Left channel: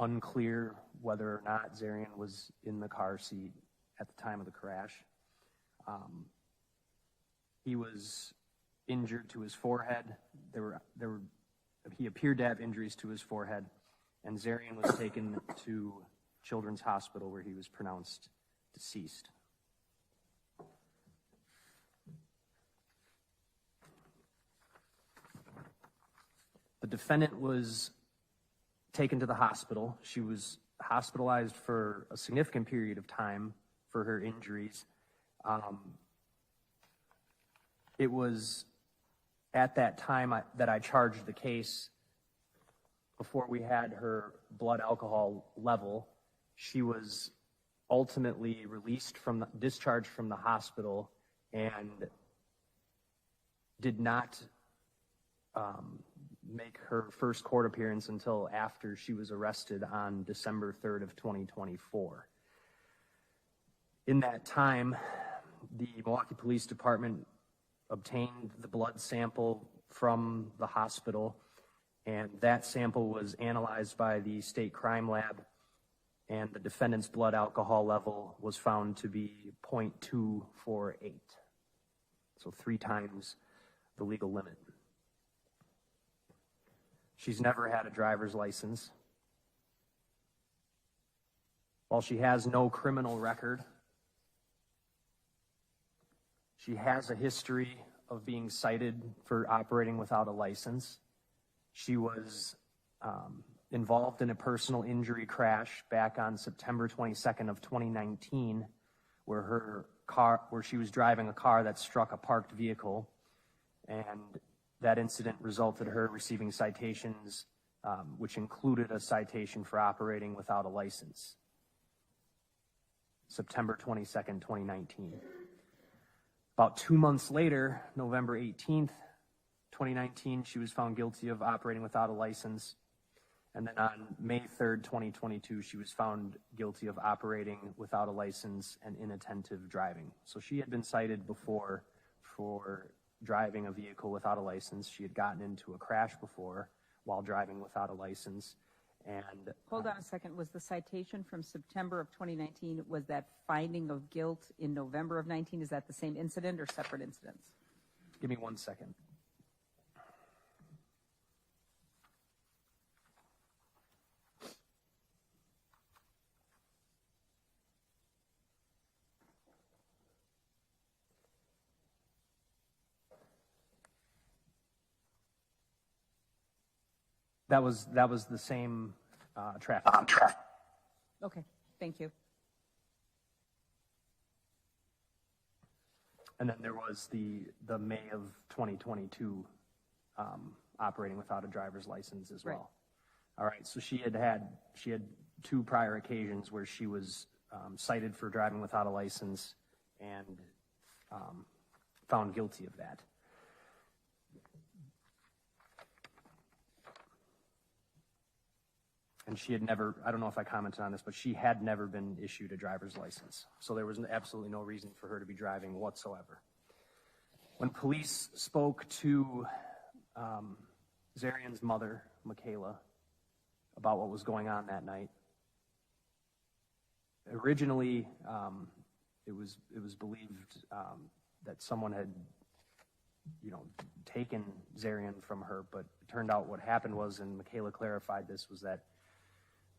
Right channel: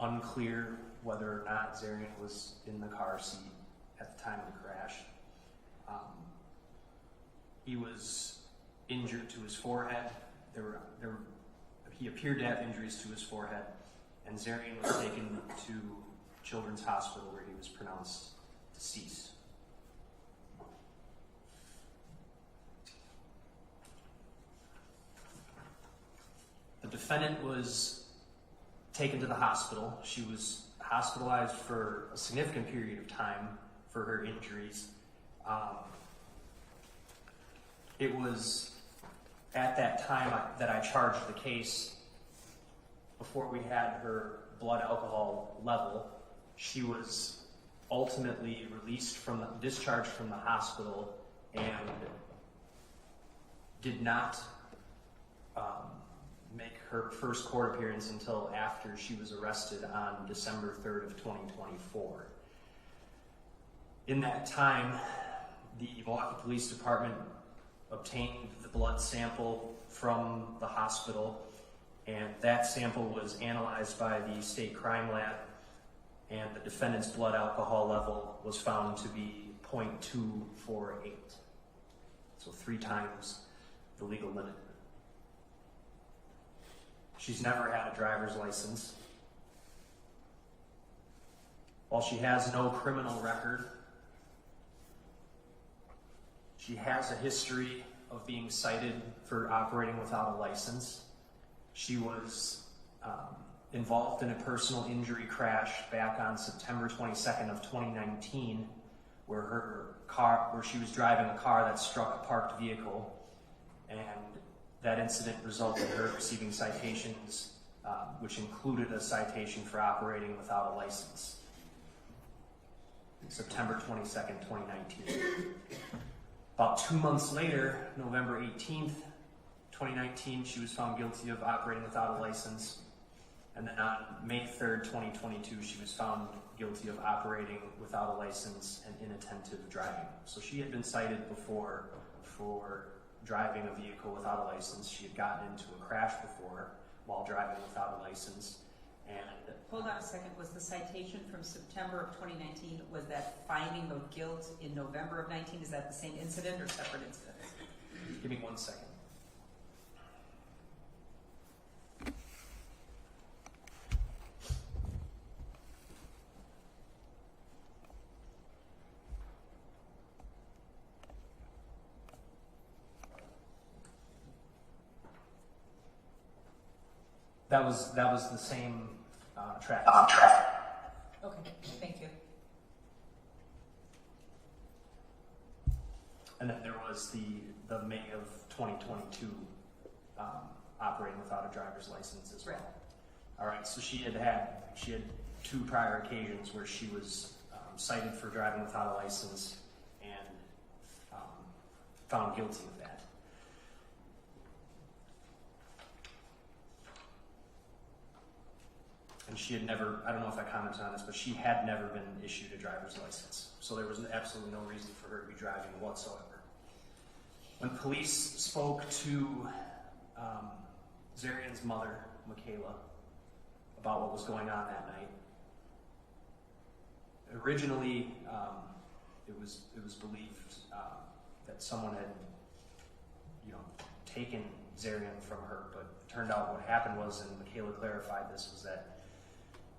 unclear whether or not Zarian was in the car seat at the time of the crash. He was injured to his forehead. He appeared to have injuries to his forehead, and Zarian was taken to Children's Hospital where he was pronounced deceased. The defendant was taken to the hospital. She was hospitalized for a significant period of time for her injuries. It was at that time that I charged the case. Before we had her blood alcohol level, she was ultimately discharged from the hospital and did not make her first court appearance until after she was arrested on December 3rd of 2024. In that time, the Milwaukee Police Department obtained the blood sample from the hospital, and that sample was analyzed by the state crime lab, and the defendant's blood alcohol level was found to be 0.248, so 3 times the legal limit. She's never had a driver's license. While she has no criminal record, she has a history of being cited for operating without a license. She was involved in a personal injury crash back on September 22nd of 2019, where she was driving a car that struck a parked vehicle, and that incident resulted in her receiving citations, which included a citation for operating without a license. September 22nd, 2019. About 2 months later, November 18th, 2019, she was found guilty of operating without a license. And then on May 3rd, 2022, she was found guilty of operating without a license and inattentive driving. So she had been cited before for driving a vehicle without a license. She had gotten into a crash before while driving without a license. And hold on a second, was the citation from September of 2019, was that finding of guilt in November of 19? Is that the same incident or separate incidents? Give me 1 second. That was the same traffic. Okay, thank you. And then there was the May of 2022 operating without a driver's license as well. Right. All right, so she had 2 prior occasions where she was cited for driving without a license and found guilty of that. And she had never, I don't know if I commented on this, but she had never been issued a driver's license. So there was absolutely no reason for her to be driving whatsoever. When police spoke to Zarian's mother, Michaela, about what was going on that night, originally it was believed that someone had, taken Zarian from her, but it turned out what happened was, and Michaela clarified this, was that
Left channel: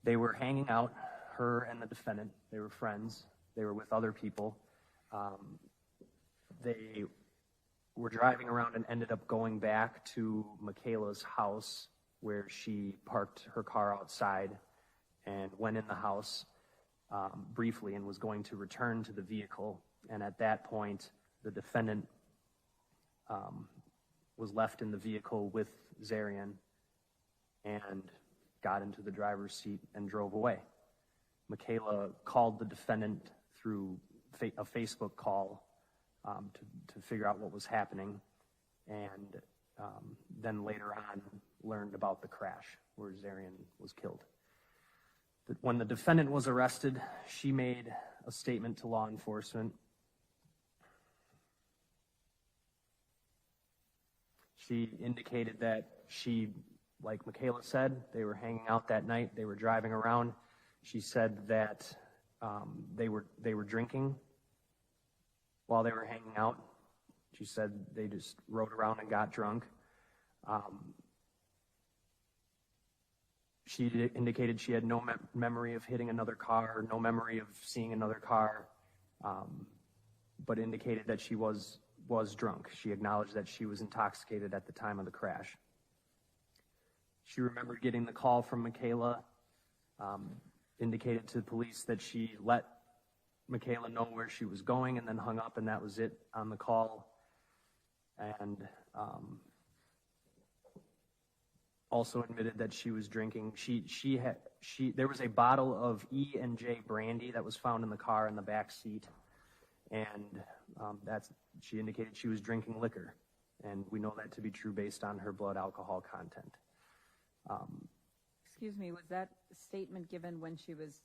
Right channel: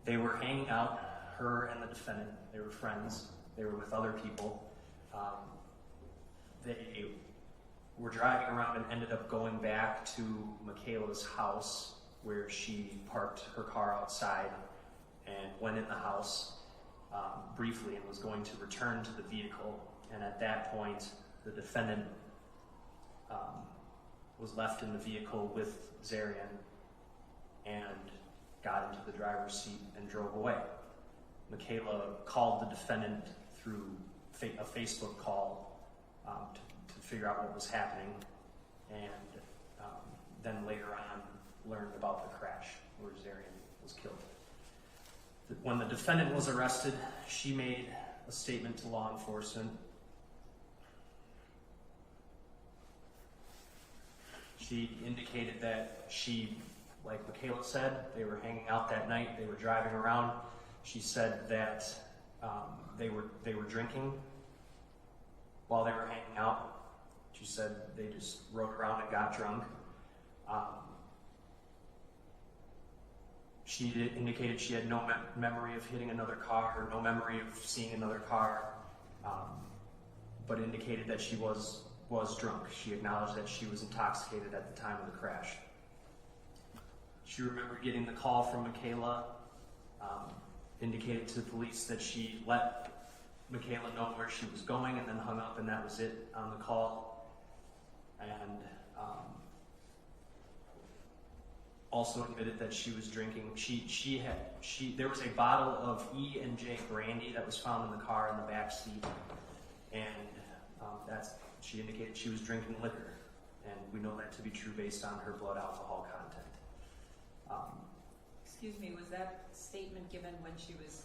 they were hanging out, her and the defendant. They were friends. They were with other people. They were driving around and ended up going back to Michaela's house, where she parked her car outside and went in the house briefly and was going to return to the vehicle. And at that point, the defendant was left in the vehicle with Zarian and got into the driver's seat and drove away. Michaela called the defendant through a Facebook call to figure out what was happening, and then later on learned about the crash where Zarian was killed. When the defendant was arrested, she made a statement to law enforcement. She indicated that she like Michaela said, they were hanging out that night. They were driving around. She said that they were drinking while they were hanging out. She said they just rode around and got drunk. She indicated she had no memory of hitting another car, or no memory of seeing another car, but indicated that she was drunk. She acknowledged that she was intoxicated at the time of the crash. She remembered getting the call from Michaela, indicated to the police that she let Michaela know where she was going and then hung up, and that was it on the call. And also admitted that she was drinking. There was a bottle of E&J brandy that was found in the car in the back seat, and she indicated she was drinking liquor, and we know that to be true based on her blood alcohol content. Excuse me, was that statement given when she was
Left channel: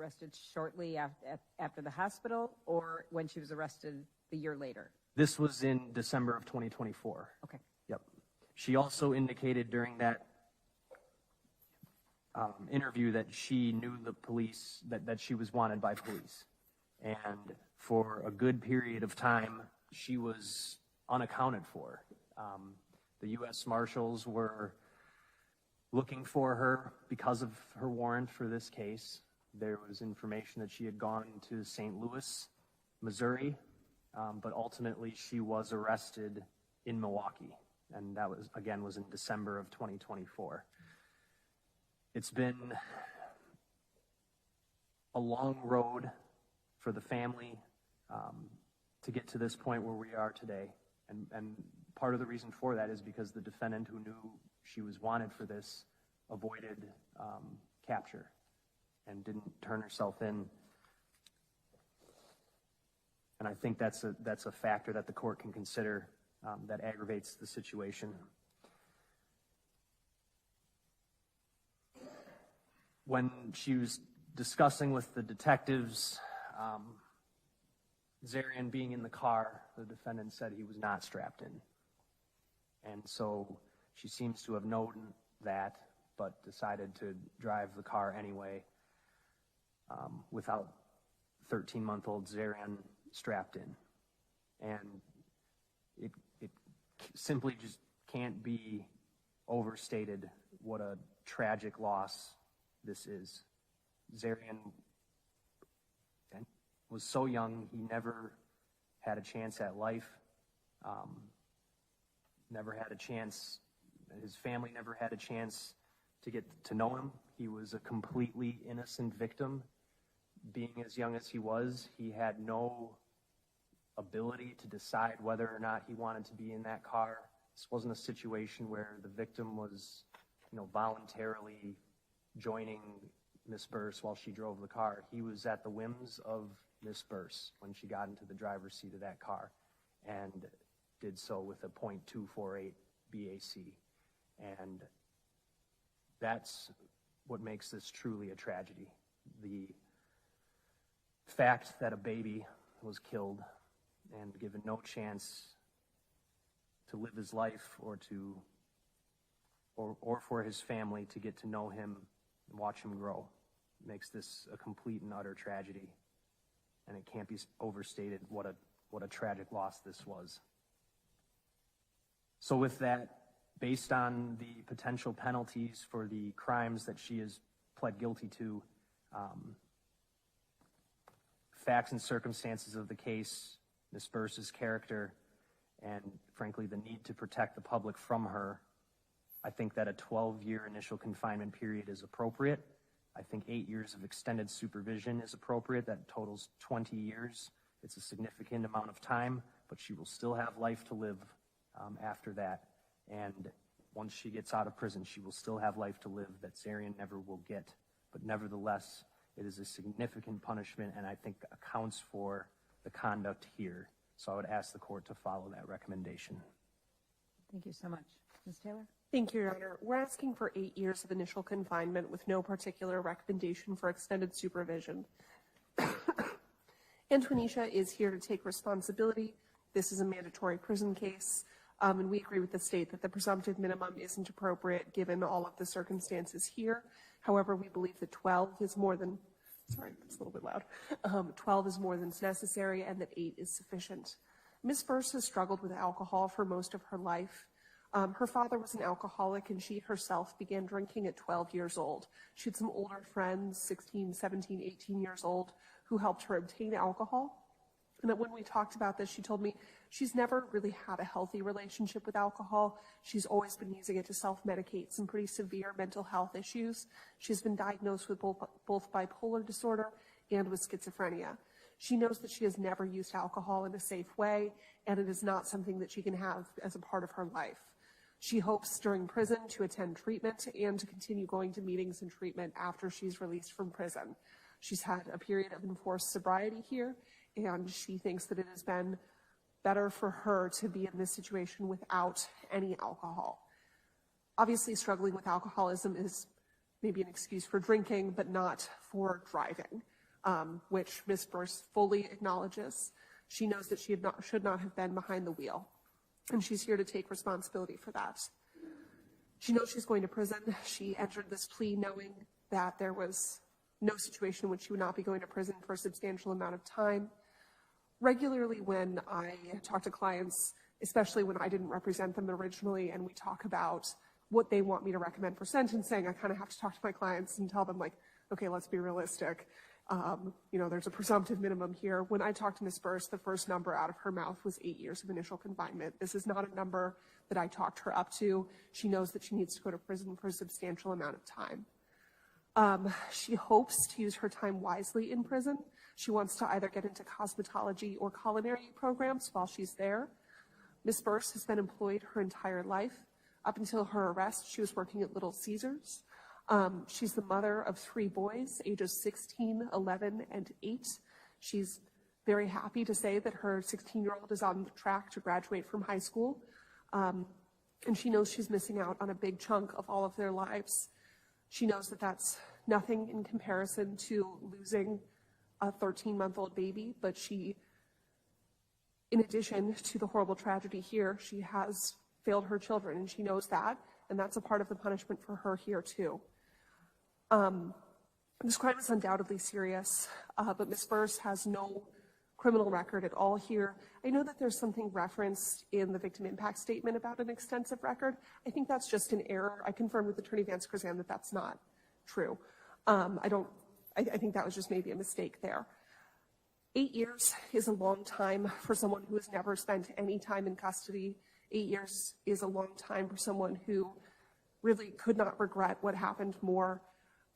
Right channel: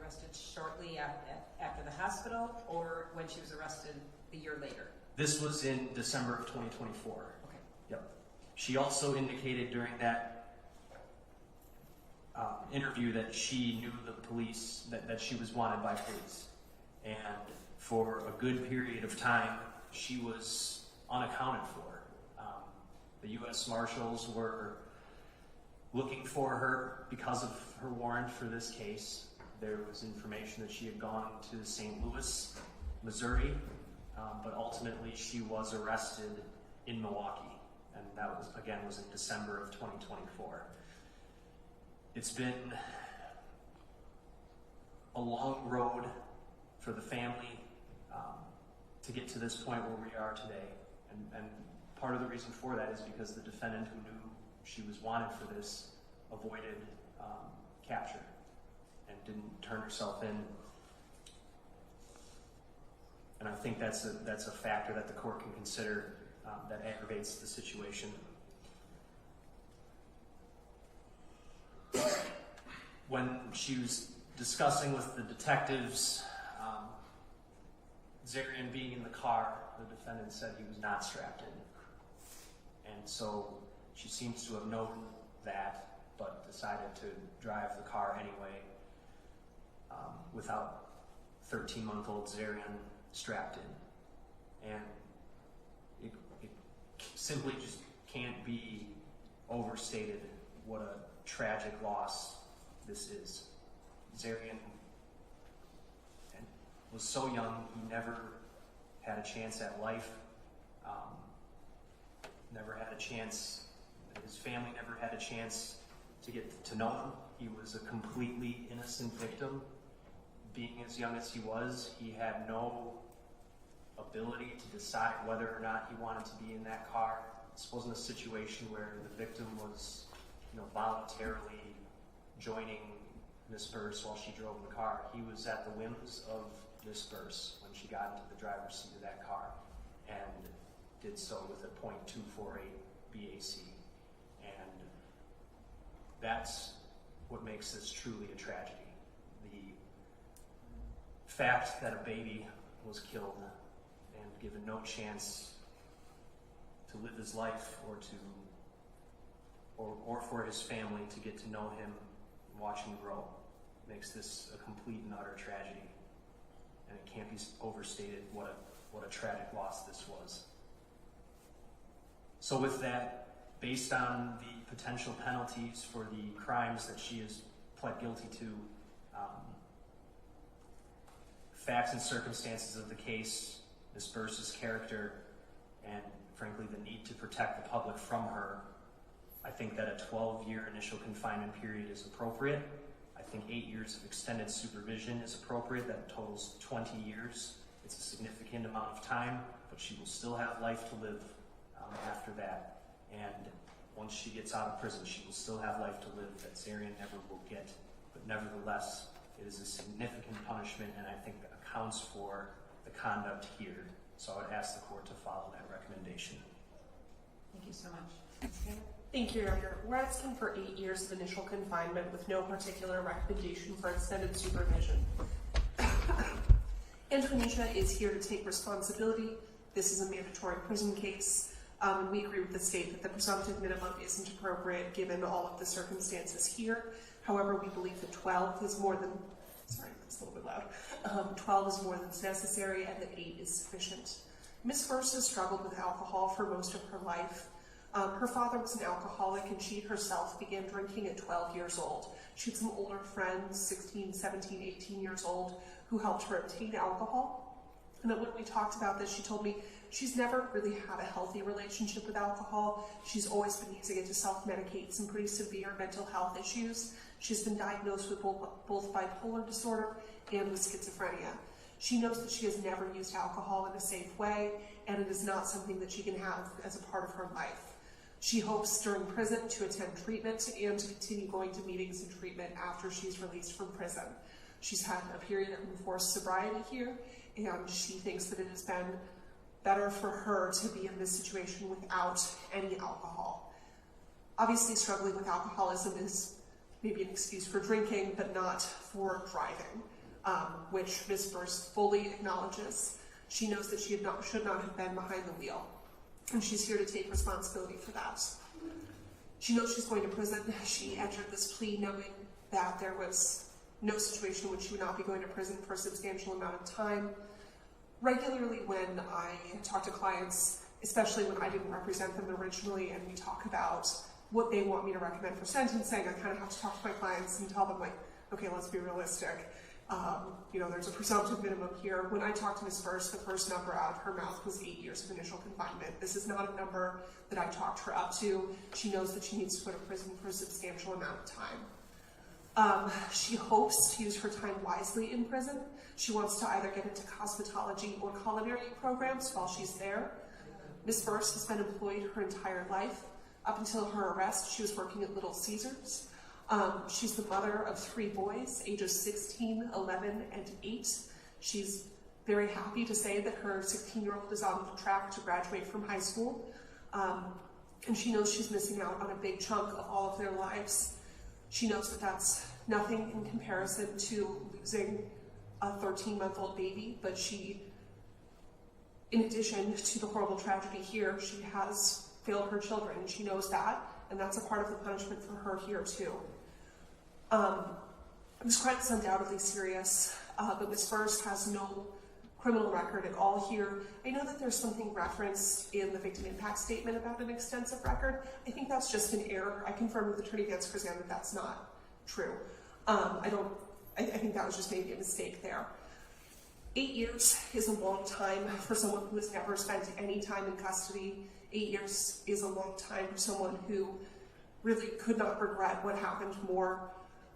arrested shortly after the hospital, or when she was arrested the year later? This was in December of 2024. Okay. Yep. She also indicated during that interview that she knew the police, that she was wanted by police. And for a good period of time, she was unaccounted for. The U.S. Marshals were looking for her because of her warrant for this case. There was information that she had gone to St. Louis, Missouri, but ultimately she was arrested in Milwaukee, and that was in December of 2024. It's been a long road for the family to get to this point where we are today, and part of the reason for that is because the defendant, who knew she was wanted for this, avoided capture and didn't turn herself in. And I think that's a factor that the court can consider that aggravates the situation. When she was discussing with the detectives, Zarian being in the car, the defendant said he was not strapped in. And so she seems to have known that, but decided to drive the car anyway, without 13-month-old Zarian strapped in. And it simply just can't be overstated what a tragic loss this is. Zarian was so young, he never had a chance at life, never had a chance, his family never had a chance to get to know him. He was a completely innocent victim. Being as young as he was, he had no ability to decide whether or not he wanted to be in that car. This wasn't a situation where the victim was, voluntarily joining Miss Burse while she drove the car. He was at the whims of Miss Burse when she got into the driver's seat of that car, and did so with a .248 BAC. And that's what makes this truly a tragedy. The fact that a baby was killed and given no chance to live his life, or for his family to get to know him and watch him grow, makes this a complete and utter tragedy. And it can't be overstated what a tragic loss this was. So with that, based on the potential penalties for the crimes that she has pled guilty to, facts and circumstances of the case, Ms. Burse's character, and frankly the need to protect the public from her, I think that a 12-year initial confinement period is appropriate. I think 8 years of extended supervision is appropriate. That totals 20 years. It's a significant amount of time, but she will still have life to live after that. And once she gets out of prison, she will still have life to live that Zarian never will get. But nevertheless, it is a significant punishment, and I think that accounts for the conduct here. So I would ask the court to follow that recommendation. Thank you so much. Ms. Taylor? Thank you, Your Honor. We're asking for 8 years of initial confinement with no particular recommendation for extended supervision. Antwineesha is here to take responsibility. This is a mandatory prison case. And we agree with the state that the presumptive minimum isn't appropriate given all of the circumstances here. However, we believe that 12 is more than, sorry, it's a little bit loud, 12 is more than is necessary and that 8 is sufficient. Ms. Burse has struggled with alcohol for most of her life. Her father was an alcoholic and she herself began drinking at 12 years old. She had some older friends, 16, 17, 18 years old, who helped her obtain alcohol. And when we talked about this, she told me she's never really had a healthy relationship with alcohol. She's always been using it to self-medicate some pretty severe mental health issues. She's been diagnosed with both bipolar disorder and with schizophrenia. She knows that she has never used alcohol in a safe way, and it is not something that she can have as a part of her life. She hopes during prison to attend treatment and to continue going to meetings and treatment after she's released from prison. She's had a period of enforced sobriety here, and she thinks that it has been better for her to be in this situation without any alcohol. Obviously, struggling with alcoholism is maybe an excuse for drinking, but not for driving, which Ms. Burse fully acknowledges. She knows that she should not have been behind the wheel, and she's here to take responsibility for that. She knows she's going to prison. She entered this plea knowing that there was no situation in which she would not be going to prison for a substantial amount of time. Regularly when I talk to clients, especially when I didn't represent them originally, and we talk about what they want me to recommend for sentencing, I kind of have to talk to my clients and tell them, like, okay, let's be realistic. There's a presumptive minimum here. When I talked to Ms. Burse, the first number out of her mouth was 8 years of initial confinement. This is not a number that I talked her up to. She knows that she needs to go to prison for a substantial amount of time. She hopes to use her time wisely in prison. She wants to either get into cosmetology or culinary programs while she's there. Ms. Burse has been employed her entire life. Up until her arrest, she was working at Little Caesars. She's the mother of 3 boys, ages 16, 11, and 8. She's very happy to say that her 16-year-old is on track to graduate from high school. And she knows she's missing out on a big chunk of all of their lives. She knows that that's nothing in comparison to losing a 13-month-old baby, but she, in addition to the horrible tragedy here, she has failed her children, and she knows that, and that's a part of the punishment for her here too. This crime is undoubtedly serious, but Ms. Burse has no criminal record at all here. I know that there's something referenced in the victim impact statement about an extensive record. I think that's just an error. I confirmed with Attorney Vance Krzan that that's not true. I think that was just maybe a mistake there. 8 years is a long time for someone who has never spent any time in custody. 8 years is a long time for someone who really could not regret what happened more.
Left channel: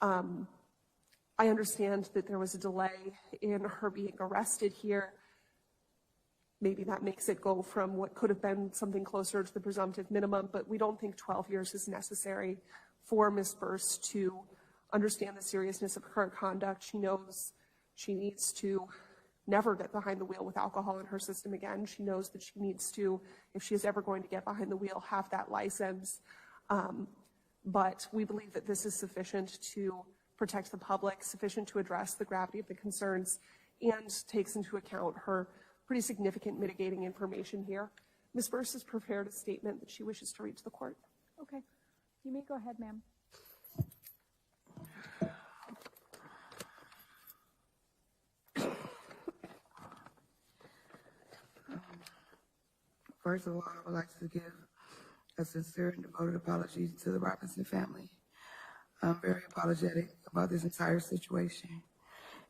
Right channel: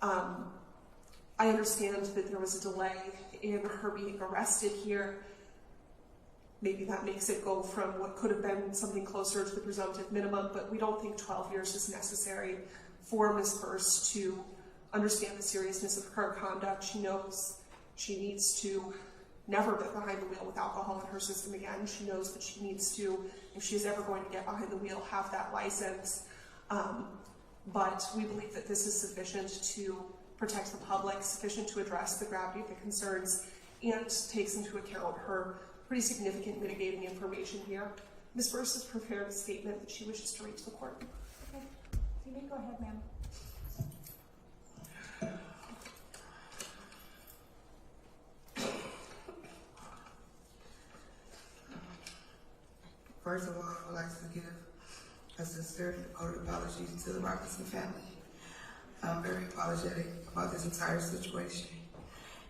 I understand that there was a delay in her being arrested here. Maybe that makes it go from what could have been something closer to the presumptive minimum, but we don't think 12 years is necessary for Ms. Burse to understand the seriousness of her conduct. She knows she needs to never get behind the wheel with alcohol in her system again. She knows that she needs to, if she is ever going to get behind the wheel, have that license. But we believe that this is sufficient to protect the public, sufficient to address the gravity of the concerns, and takes into account her pretty significant mitigating information here. Ms. Burse has prepared a statement that she wishes to read to the court. Okay, you may go ahead, ma'am. First of all, I would like to give a sincere and devoted apology to the Robinson family. I'm very apologetic about this entire situation.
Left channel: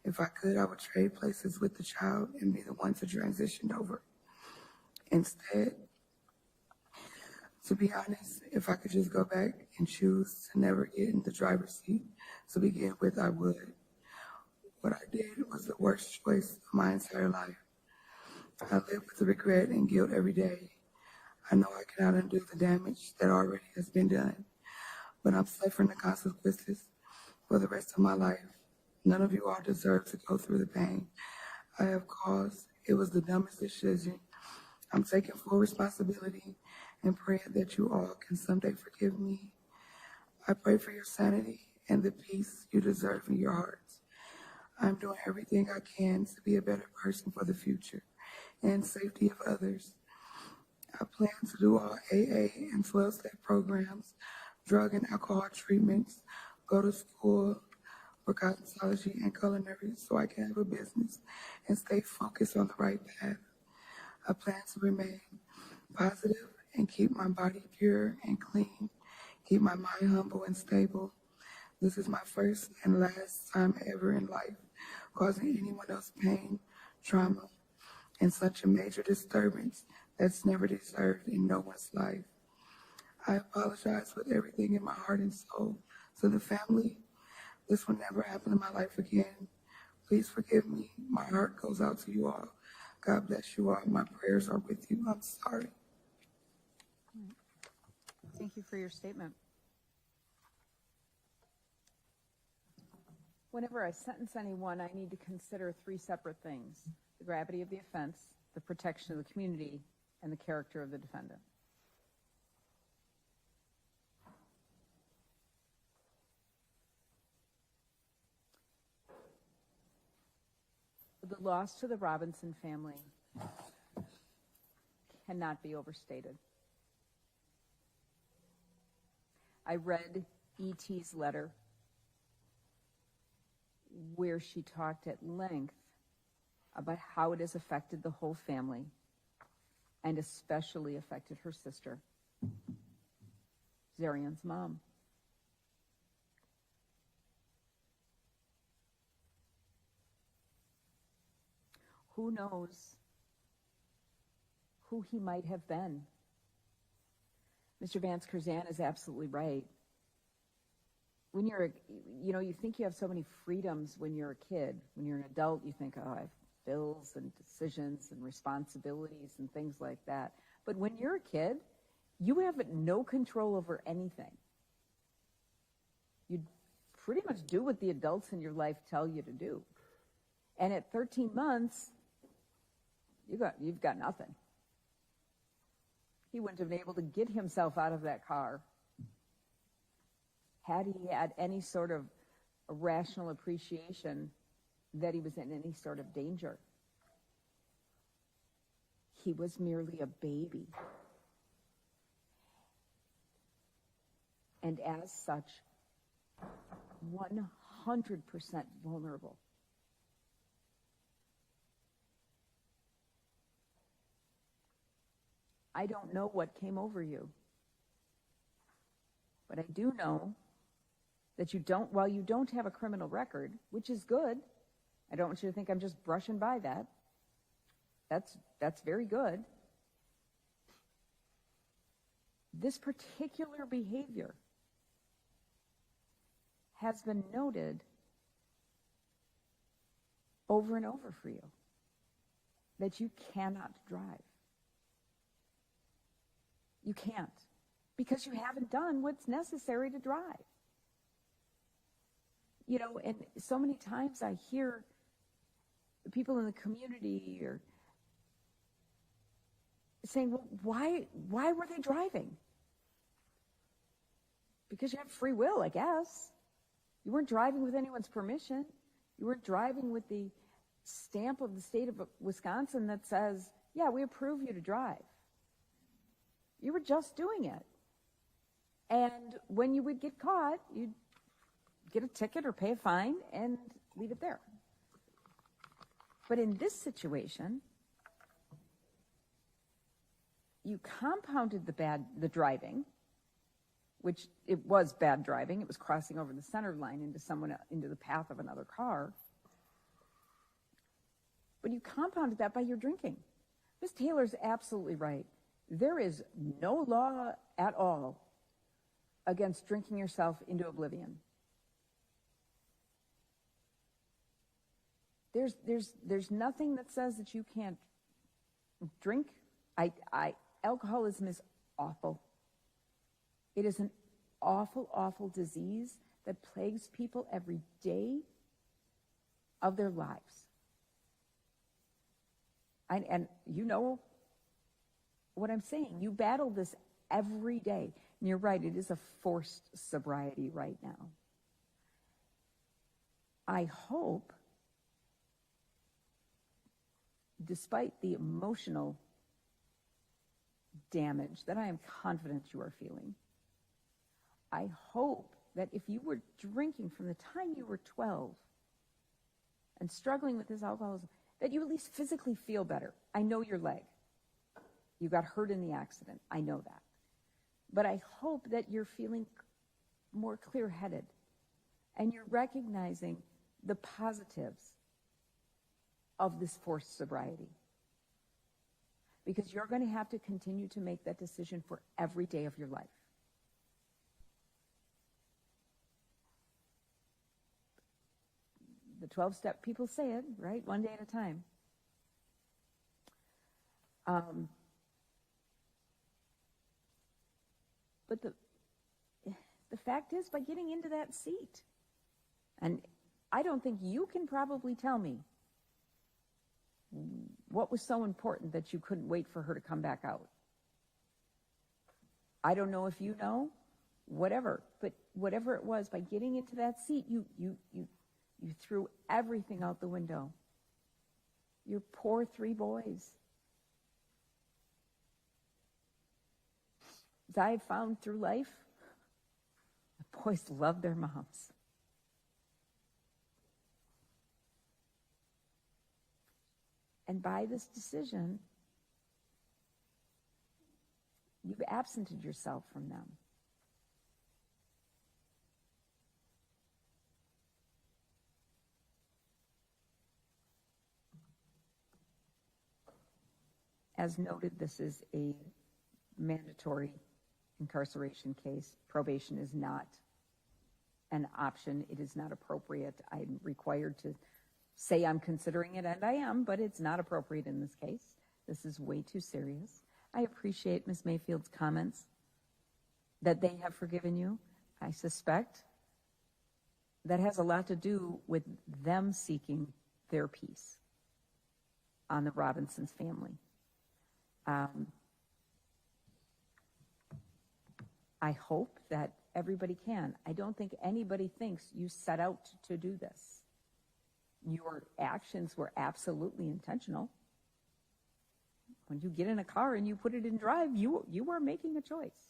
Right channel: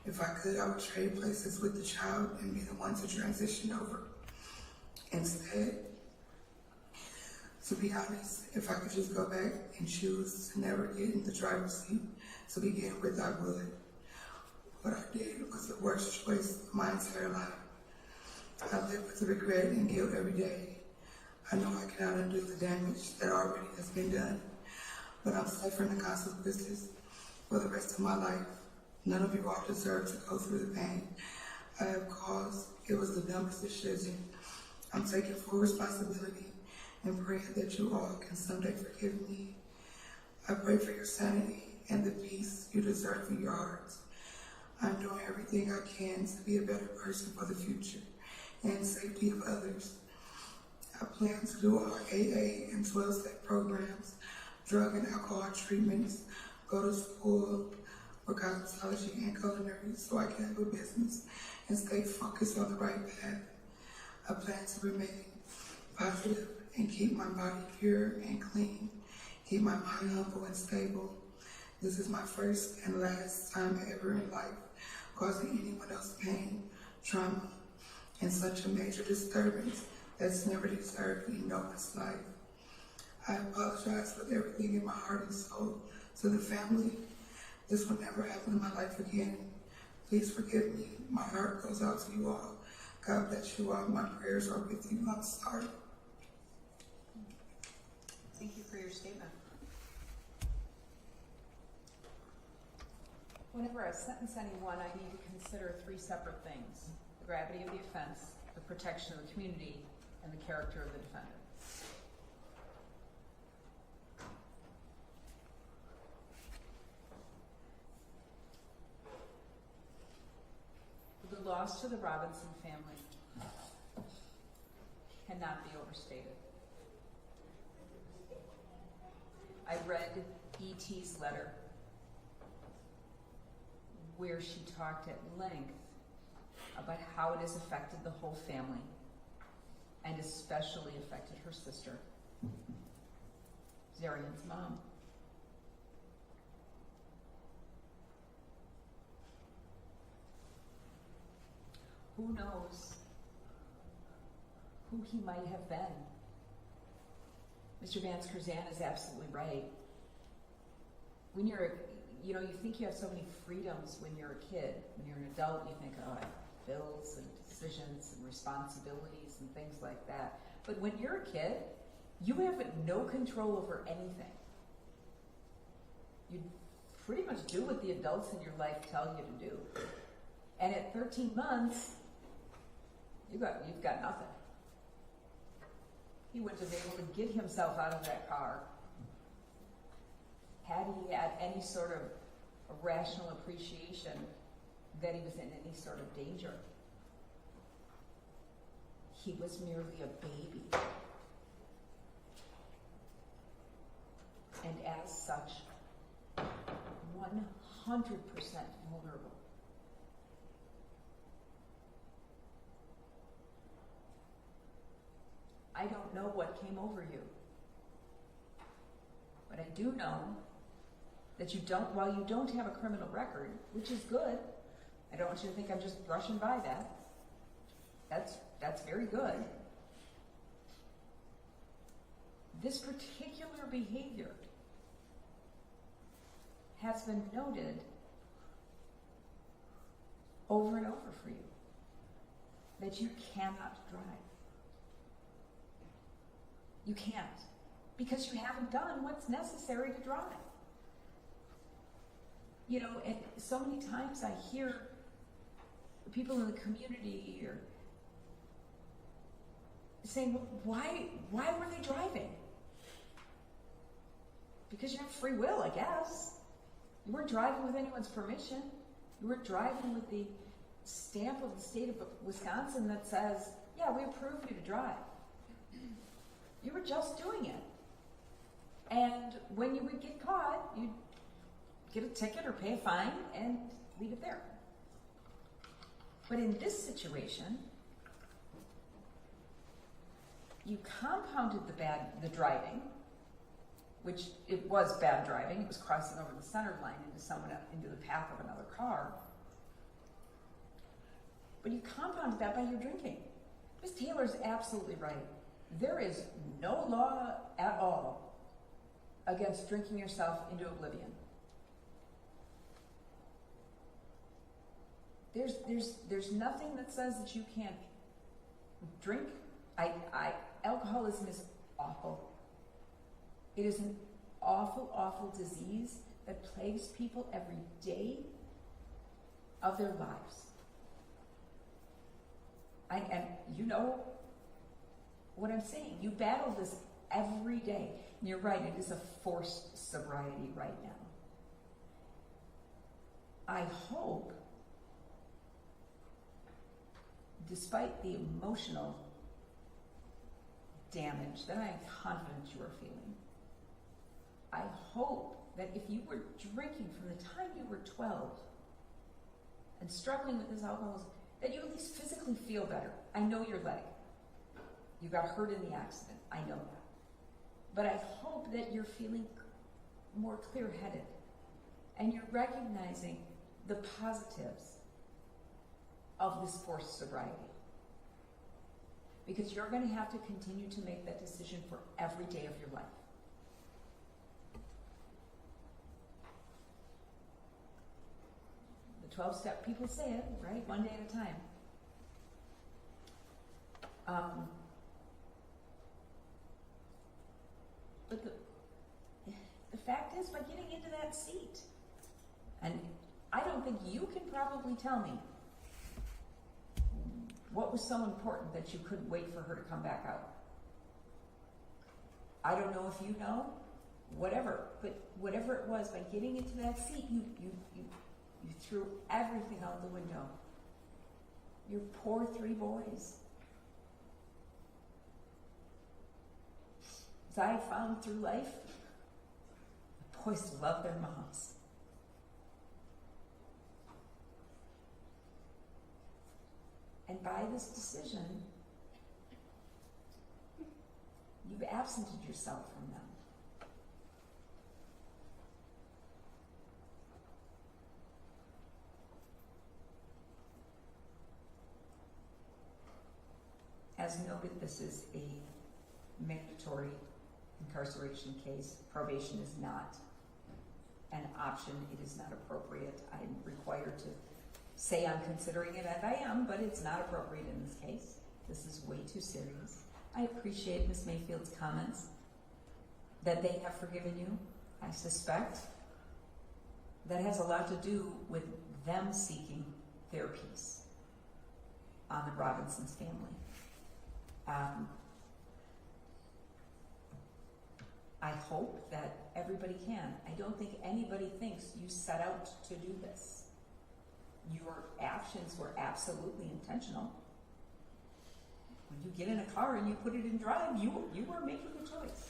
If I could, I would trade places with the child and be the one to transition over. Instead, to be honest, if I could just go back and choose to never get in the driver's seat to begin with, I would. What I did was the worst choice of my entire life. I live with the regret and guilt every day. I know I cannot undo the damage that already has been done, but I'm suffering the consequences for the rest of my life. None of you all deserve to go through the pain I have caused. It was the dumbest decision. I'm taking full responsibility and praying that you all can someday forgive me. I pray for your sanity and the peace you deserve in your hearts. I'm doing everything I can to be a better person for the future and safety of others. I plan to do all AA and 12-step programs, drug and alcohol treatments, go to school for cosmetology and culinary so I can have a business and stay focused on the right path. I plan to remain positive and keep my body pure and clean, keep my mind humble and stable. This is my first and last time ever in life causing anyone else pain, trauma, and such a major disturbance that's never deserved in no one's life. I apologize with everything in my heart and soul to the family. This will never happen in my life again. Please forgive me. My heart goes out to you all. God bless you all. My prayers are with you. I'm sorry. Thank you for your statement. Whenever I sentence anyone, I need to consider three separate things: the gravity of the offense, the protection of the community, and the character of the defendant. The loss to the Robinson family cannot be overstated. I read E.T.'s letter where she talked at length about how it has affected the whole family and especially affected her sister, Zarian's mom. Who knows who he might have been? Mr. Vance Curzan is absolutely right. When you're, you think you have so many freedoms when you're a kid. When you're an adult, you think, oh, I have bills and decisions and responsibilities and things like that. But when you're a kid, you have no control over anything. You pretty much do what the adults in your life tell you to do. And at 13 months, you've got nothing. He wouldn't have been able to get himself out of that car had he had any sort of a rational appreciation that he was in any sort of danger. He was merely a baby. And as such, 100% vulnerable. I don't know what came over you, but I do know that while you don't have a criminal record, which is good, I don't want you to think I'm just brushing by that. That's very good. This particular behavior has been noted over and over for you, that you cannot drive. You can't, because you haven't done what's necessary to drive. And so many times I hear the people in the community are saying, well, why were they driving? Because you have free will, I guess. You weren't driving with anyone's permission. You weren't driving with the stamp of the state of Wisconsin that says, yeah, we approve you to drive. You were just doing it. And when you would get caught, you'd get a ticket or pay a fine and leave it there. But in this situation, you compounded the driving, which it was bad driving. It was crossing over the center line into the path of another car. But you compounded that by your drinking. Ms. Taylor's absolutely right. There is no law at all against drinking yourself into oblivion. There's nothing that says that you can't drink. Alcoholism is awful. It is an awful, awful disease that plagues people every day of their lives. And you know what I'm saying. You battle this every day. And you're right, it is a forced sobriety right now. I hope, despite the emotional damage that I am confident you are feeling. I hope that if you were drinking from the time you were 12 and struggling with this alcoholism, that you at least physically feel better. I know your leg. You got hurt in the accident. I know that. But I hope that you're feeling more clear-headed and you're recognizing the positives of this forced sobriety. Because you're going to have to continue to make that decision for every day of your life. The 12-step, people say it, right? One day at a time. But the fact is, by getting into that seat, and I don't think you can probably tell me what was so important that you couldn't wait for her to come back out. I don't know if you know, whatever, but whatever it was, by getting into that seat, you threw everything out the window. Your poor 3 boys. As I have found through life, the boys love their moms. And by this decision, you've absented yourself from them. As noted, this is a mandatory incarceration case. Probation is not an option. It is not appropriate. I am required to say I'm considering it, and I am, but it's not appropriate in this case. This is way too serious. I appreciate Ms. Mayfield's comments that they have forgiven you. I suspect that has a lot to do with them seeking their peace on the Robinsons family. I hope that everybody can. I don't think anybody thinks you set out to do this. Your actions were absolutely intentional. When you get in a car and you put it in drive, you were making a choice.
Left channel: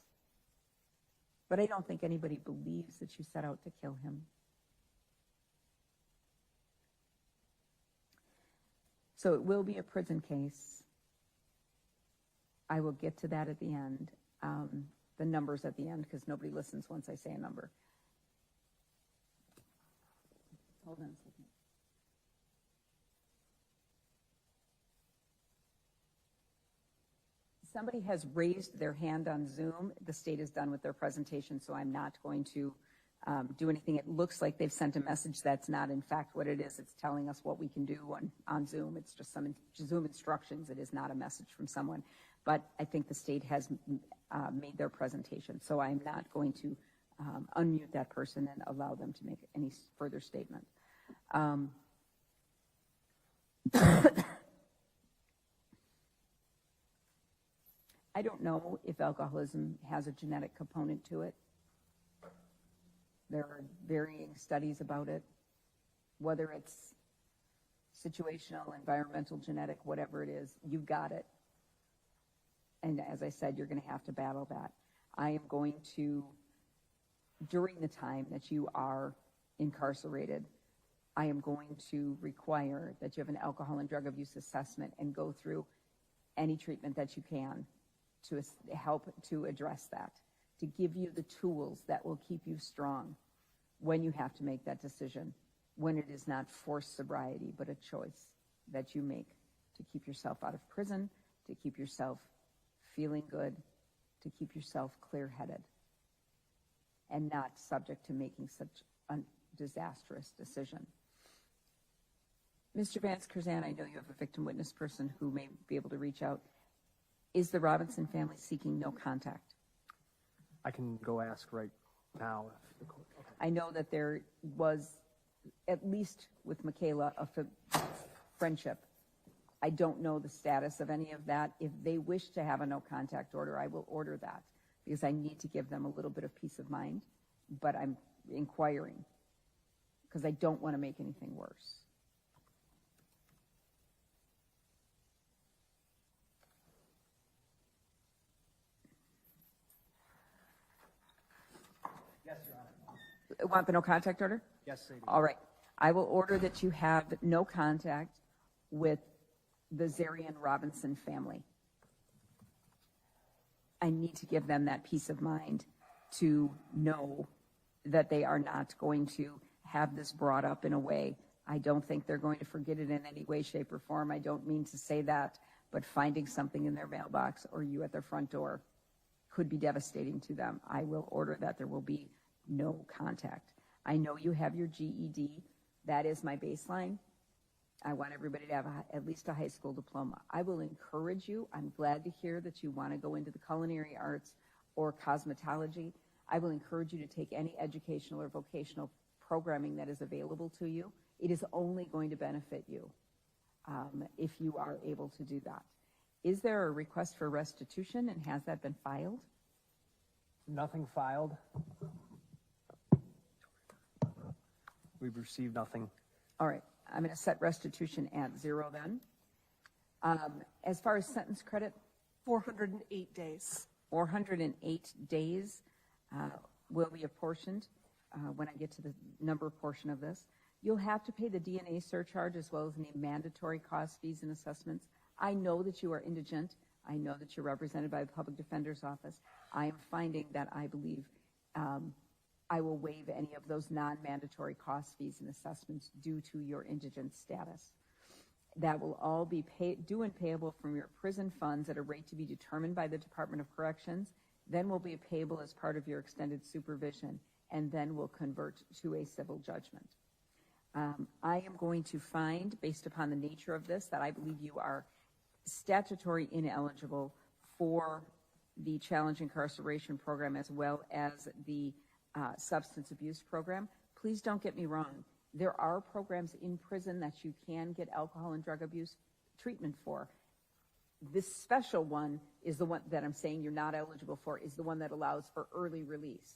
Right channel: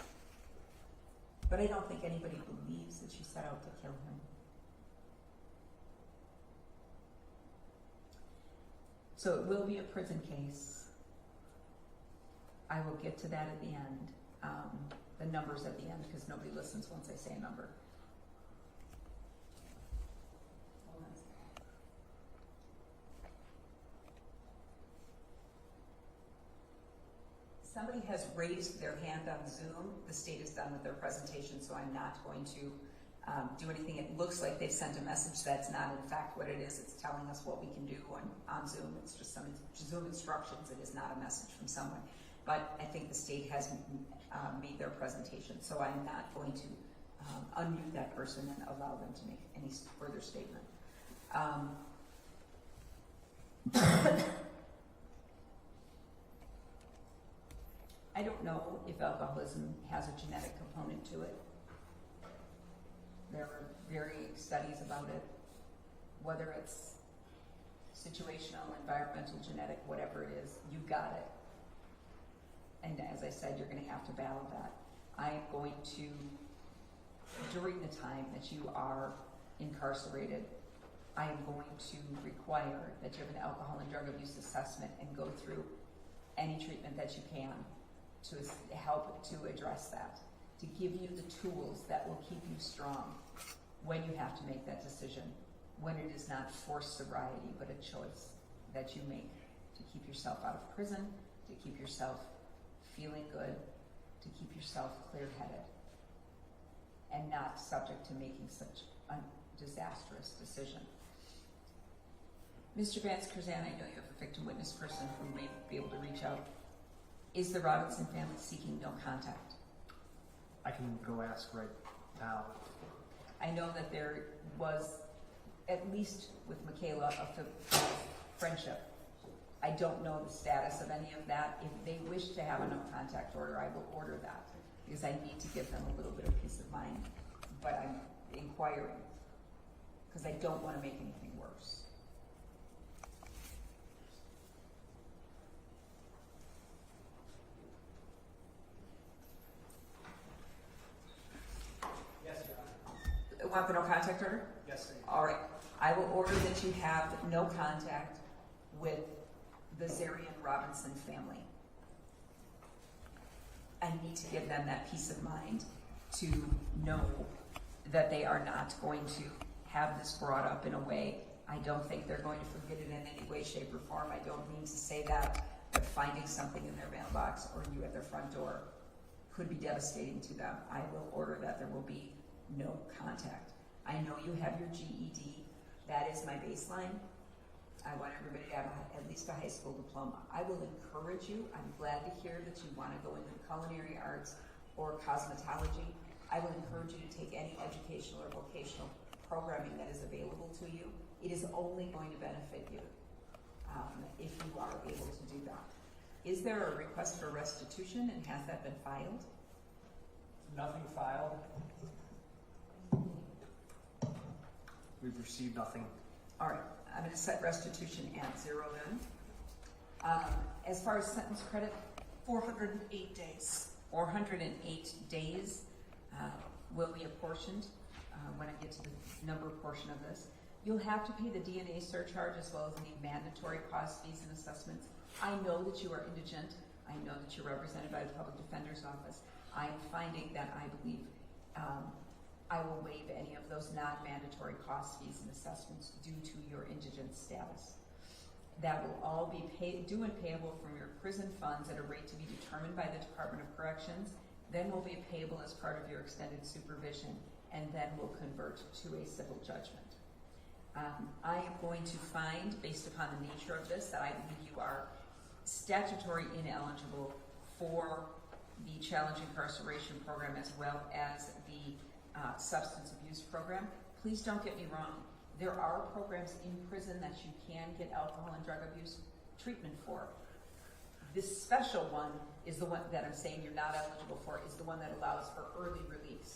But I don't think anybody believes that you set out to kill him. So it will be a prison case. I will get to that at the end. The numbers at the end, because nobody listens once I say a number. Hold on a second. Somebody has raised their hand on Zoom. The state is done with their presentation, so I'm not going to do anything. It looks like they've sent a message. That's not in fact what it is. It's telling us what we can do on Zoom. It's just some Zoom instructions. It is not a message from someone. But I think the state has made their presentation, so I'm not going to unmute that person and allow them to make any further statement. I don't know if alcoholism has a genetic component to it. There are varying studies about it, whether it's situational, environmental, genetic, whatever it is, you've got it. And as I said, you're going to have to battle that. I am going to, during the time that you are incarcerated, I am going to require that you have an alcohol and drug abuse assessment and go through any treatment that you can to help to address that, to give you the tools that will keep you strong when you have to make that decision, when it is not forced sobriety, but a choice that you make to keep yourself out of prison, to keep yourself feeling good, to keep yourself clear-headed and not subject to making such a disastrous decision. Mr. Vance Curzan, I know you have a victim witness person who may be able to reach out. Is the Robinson family seeking no contact? I can go ask right now. I know that there was, at least with Michaela, a friendship. I don't know the status of any of that. If they wish to have a no contact order, I will order that because I need to give them a little bit of peace of mind, but I'm inquiring because I don't want to make anything worse. want the no contact order? Yes, I do. All right. I will order that you have no contact with the Zarian Robinson family. I need to give them that peace of mind to know that they are not going to have this brought up in a way. I don't think they're going to forget it in any way, shape, or form. I don't mean to say that, but finding something in their mailbox or you at their front door could be devastating to them. I will order that there will be no contact. I know you have your GED. That is my baseline. I want everybody to have at least a high school diploma. I will encourage you. I'm glad to hear that you want to go into the culinary arts or cosmetology. I will encourage you to take any educational or vocational programming that is available to you. It is only going to benefit you if you are able to do that. Is there a request for restitution, and has that been filed? Nothing filed. We've received nothing. All right, I'm going to set restitution at 0 then. As far as sentence credit, 408 days. 408 days will be apportioned when I get to the number portion of this. You'll have to pay the DNA surcharge as well as any mandatory cost, fees, and assessments. I know that you are indigent. I know that you're represented by the Public Defender's Office. I am finding that I believe I will waive any of those non-mandatory cost, fees, and assessments due to your indigent status. That will all be due and payable from your prison funds at a rate to be determined by the Department of Corrections, then will be payable as part of your extended supervision, and then will convert to a civil judgment. I am going to find, based upon the nature of this, that I believe you are statutory ineligible for the challenge incarceration program as well as the substance abuse program. Please don't get me wrong. There are programs in prison that you can get alcohol and drug abuse treatment for. This special one is the one that I'm saying you're not eligible for, is the one that allows for early release.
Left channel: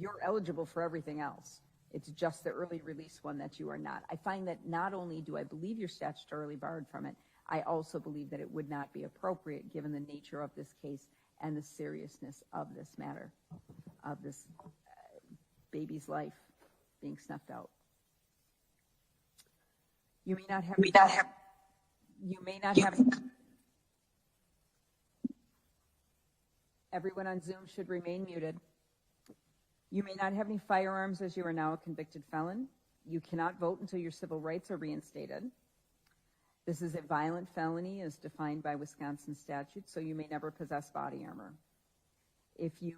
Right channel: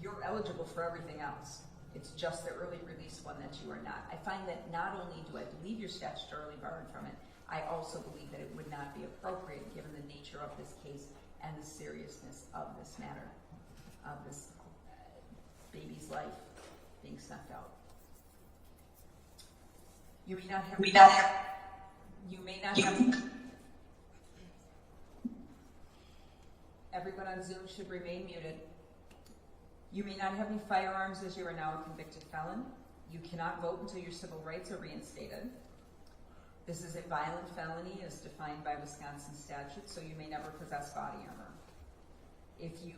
You're eligible for everything else. It's just the early release one that you are not. I find that not only do I believe you're statutorily barred from it, I also believe that it would not be appropriate given the nature of this case and the seriousness of this matter, of this baby's life being snuffed out. You may not have everyone on Zoom should remain muted. You may not have any firearms as you are now a convicted felon. You cannot vote until your civil rights are reinstated. This is a violent felony as defined by Wisconsin statute, so you may never possess body armor. If you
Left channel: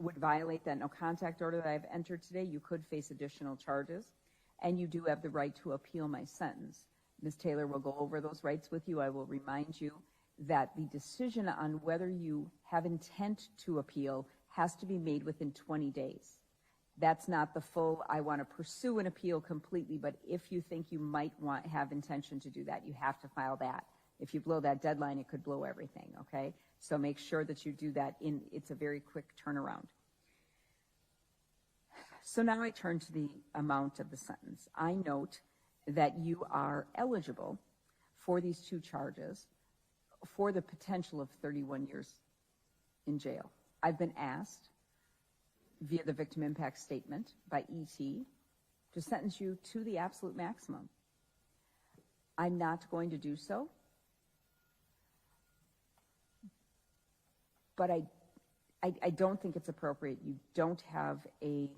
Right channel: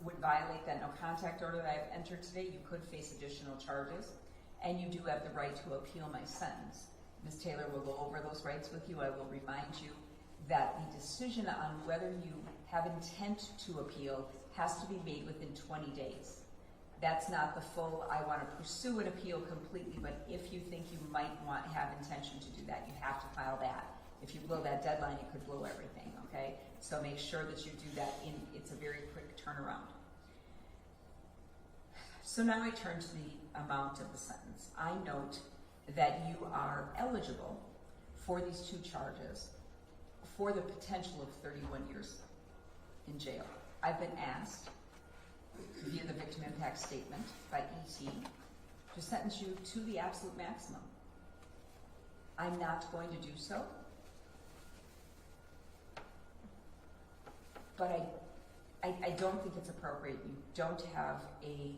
would violate that no contact order that I've entered today, you could face additional charges, and you do have the right to appeal my sentence. Ms. Taylor will go over those rights with you. I will remind you that the decision on whether you have intent to appeal has to be made within 20 days. That's not the full, I want to pursue an appeal completely, but if you think you might have intention to do that, you have to file that. If you blow that deadline, it could blow everything, okay? So make sure that you do that it's a very quick turnaround. So now I turn to the amount of the sentence. I note that you are eligible for these two charges for the potential of 31 years in jail. I've been asked via the victim impact statement by ET to sentence you to the absolute maximum. I'm not going to do so, but I don't think it's appropriate. You don't have a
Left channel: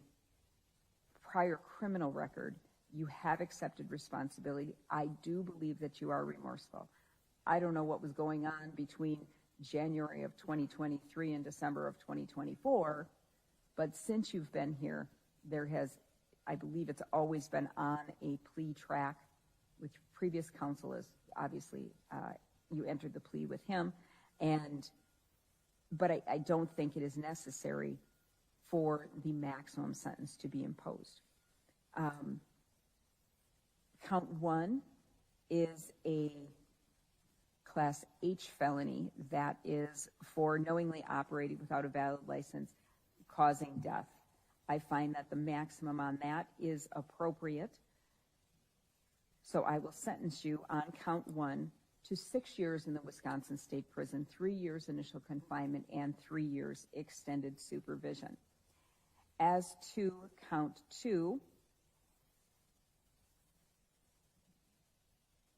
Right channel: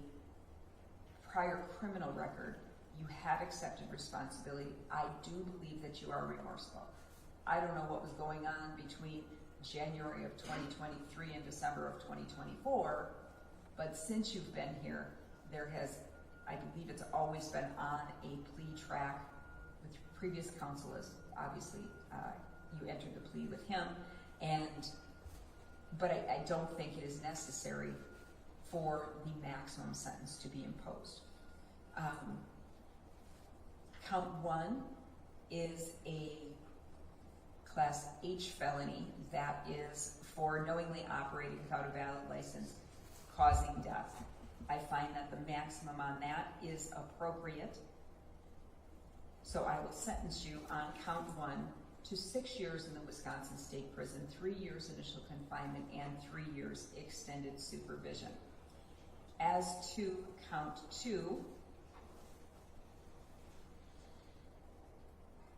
prior criminal record. You have accepted responsibility. I do believe that you are remorseful. I don't know what was going on between January of 2023 and December of 2024, but since you've been here, there has, I believe it's always been on a plea track with previous counsel. As obviously you entered the plea with him, but I don't think it is necessary for the maximum sentence to be imposed. Count 1 is a Class H felony that is for knowingly operating without a valid license, causing death. I find that the maximum on that is appropriate. So I will sentence you on count 1 to 6 years in the Wisconsin State Prison, 3 years initial confinement, and 3 years extended supervision. As to count 2,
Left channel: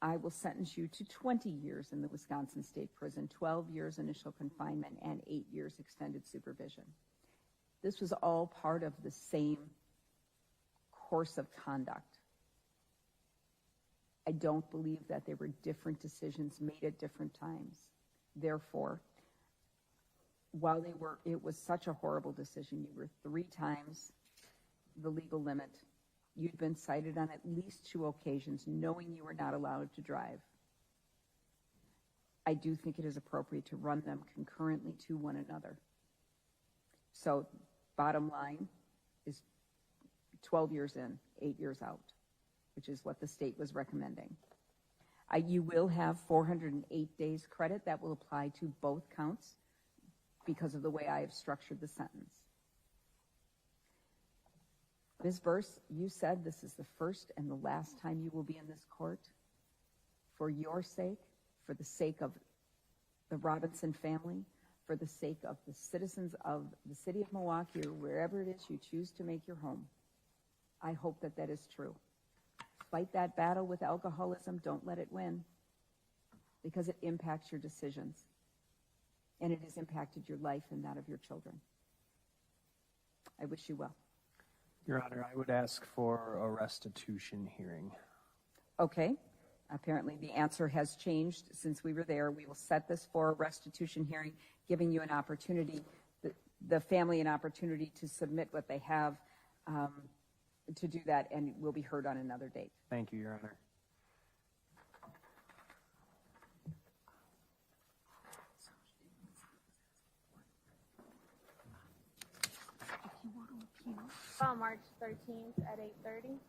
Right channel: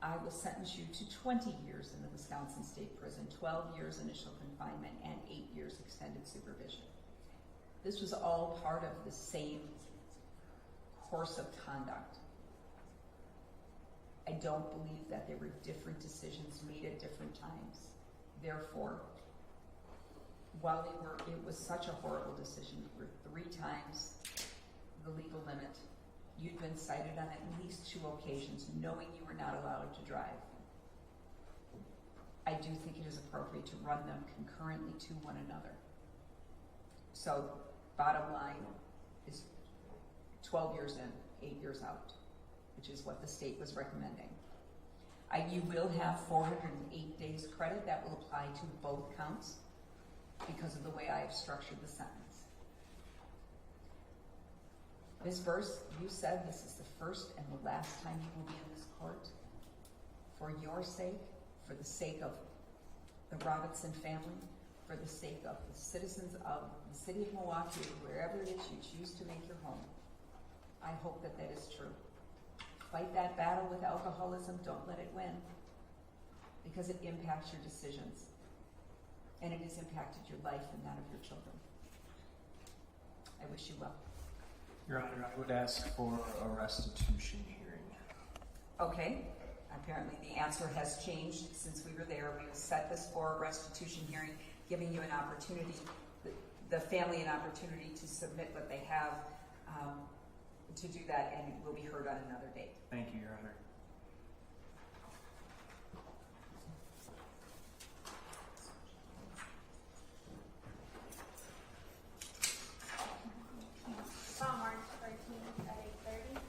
I will sentence you to 20 years in the Wisconsin State Prison, 12 years initial confinement, and 8 years extended supervision. This was all part of the same course of conduct. I don't believe that there were different decisions made at different times. Therefore, while it was such a horrible decision, you were 3 times the legal limit. You'd been cited on at least 2 occasions, knowing you were not allowed to drive. I do think it is appropriate to run them concurrently to one another. So, bottom line is 12 years in, 8 years out, which is what the state was recommending. You will have 408 days credit that will apply to both counts because of the way I have structured the sentence. Ms. Burse, you said this is the first and the last time you will be in this court. For your sake, for the sake of the Robinson family, for the sake of the citizens of the city of Milwaukee, or wherever it is you choose to make your home, I hope that that is true. Fight that battle with alcoholism. Don't let it win, because it impacts your decisions, and it has impacted your life and that of your children. I wish you well. Your Honor, I would ask for a restitution hearing. Okay, apparently the answer has changed since we were there. We will set this for a restitution hearing, giving you an opportunity, the family an opportunity to submit what they have to do that, and it will be heard on another date. Thank you, Your Honor. March 13th at 8:30.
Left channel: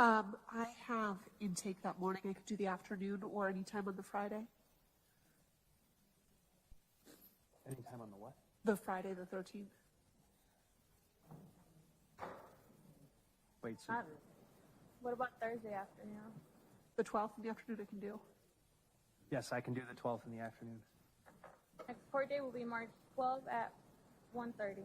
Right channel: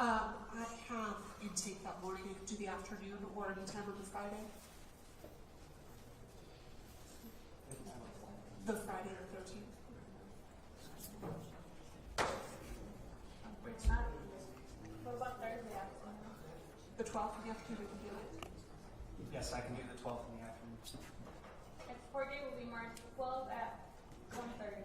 I have intake that morning. I could do the afternoon or any time on the Friday. Anytime on what? The Friday the 13th. Wait, What about Thursday afternoon? The 12th in the afternoon I can do. yes, I can do the 12th in the afternoon. Next court date will be March 12th at 1:30.